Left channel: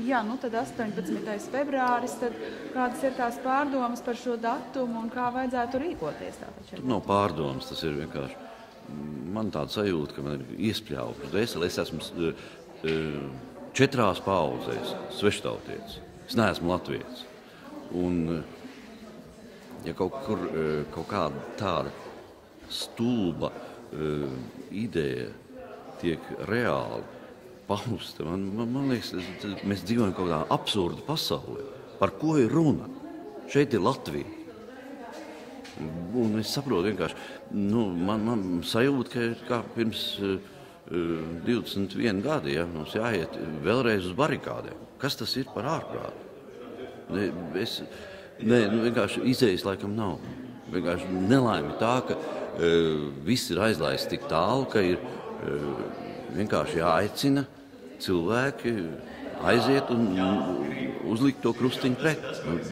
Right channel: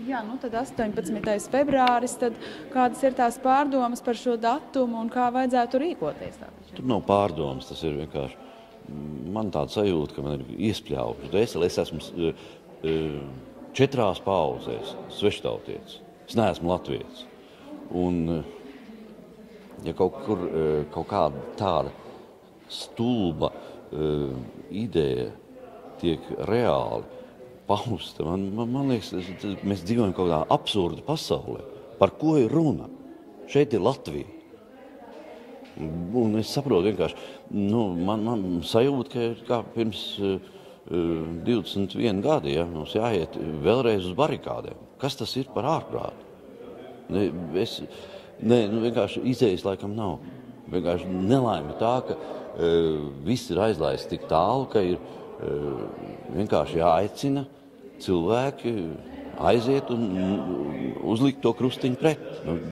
Jā, nu tad 18. februāris, tad kādas ir tās pārdomas par šo datumu un kā vajadzētu rīkoties? Tur nav pārdomas, tas ir vienkārši. Man tāda sajūta, ka man ir iespļauta dvēseli. Es esmu 4 paudzēs sveštautietis. Es neesmu latvietis. Un, ja kaut kāda tāda stulba ideja tiek reāli pausta, man liekas, mēs dzīvojam kaut kādā absurda pasaulē. Par ko ir runa? Šeit ir Latvija. Un es saprotu vienkārši, man sajūta, ka ir kā pirms 21 gadi, ja, mums jāiet vēlreiz uz barikādēm. Kas tas ir par ārprātu? Vienkārši izējas laikam nav. Vienkārši nelaime tā, ka viss ir aizlaists tik tālu, ka ir vienkārši jāaicina cilvēki aiziet un uzlikt to krustiņu pret.